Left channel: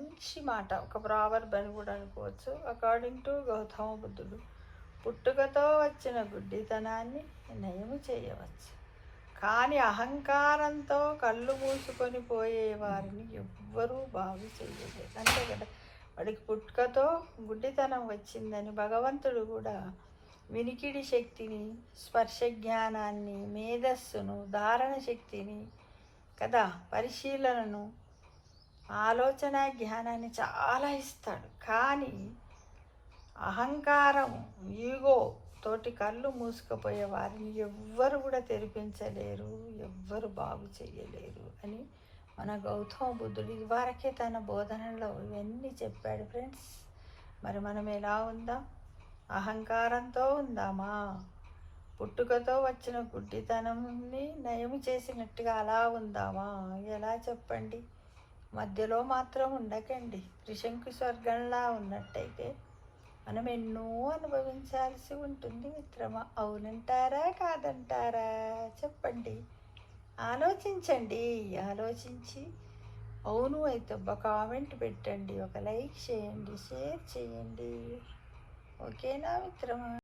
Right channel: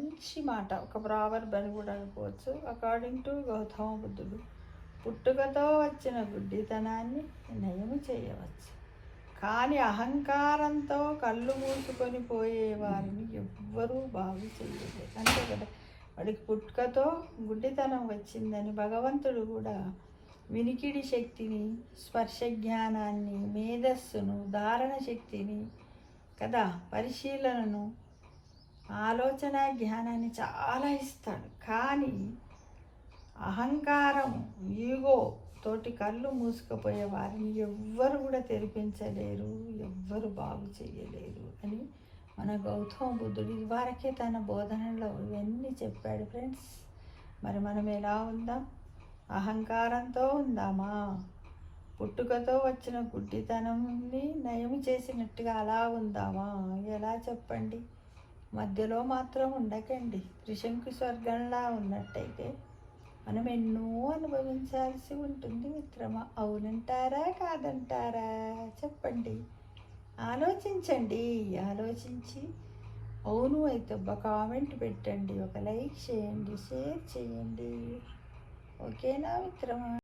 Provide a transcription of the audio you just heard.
మంచి మాట, ఒక ప్రావర్బ్ అని కూడా అనుకోవచ్చు. అకార్డింగ్ టు గౌతమ బుద్ధుడు, పుట్టుకతో వచ్చిన గుడ్డితనాన్ని నయము చేయవచ్చు, కానీ అహంకారంతో కళ్ళు మూసుకొని పోయే వారిని ఎవ్వరూ బాగు చేయలేదు. అంతే కదా, వాడికి పుట్టుకతో గుడ్డితనం వచ్చిందని భగవంతుడు కూడా వినికిడి శక్తిని, స్పర్శ జ్ఞానాన్ని, మేధస్సును, ధారణ శక్తిని కదా, పరిశీలనను, ఆలోచన జ్ఞానాన్ని చాలా ఇస్తాడు. కానీ అహంకారం, ఈగో తోటి కళ్ళు మూసుకుపోయే వారిని ఎవ్వరు కూడా తెరిపించలేరు, ఎవ్వరు బాగు చేయలేరు అని మన గౌతమ బుద్ధుడు ఇదివరకే తన బోధనలో ఇవన్నీ చెప్పాడు. ఫ్రెండ్స్, మరి మనం ఎలా ఉందాం? అహంకారంతో ఉందామా? పుట్టుకతో వచ్చిన గుడ్డితనంని నయం చేసినట్టుగా అలా ఉందామా? ఎలా చెప్పండి? మధ్యలో మాత్రం ఉండకండి. త్రిశంకు స్వర్గంలా ఉన్నట్టయితే మనం ఎన్నో అనుభవించాల్సి ఉంటుంది మిత్రమా. అవునంటారా కాదంటారా? చెప్పండి, ఆలోచించండి. ఆలోచించి అవును అయితే ఒక కామెంట్ పెట్టండి, ఒక లైక్ చేయండి, షేర్ చేయండి. ఓకేనా మిత్రమా?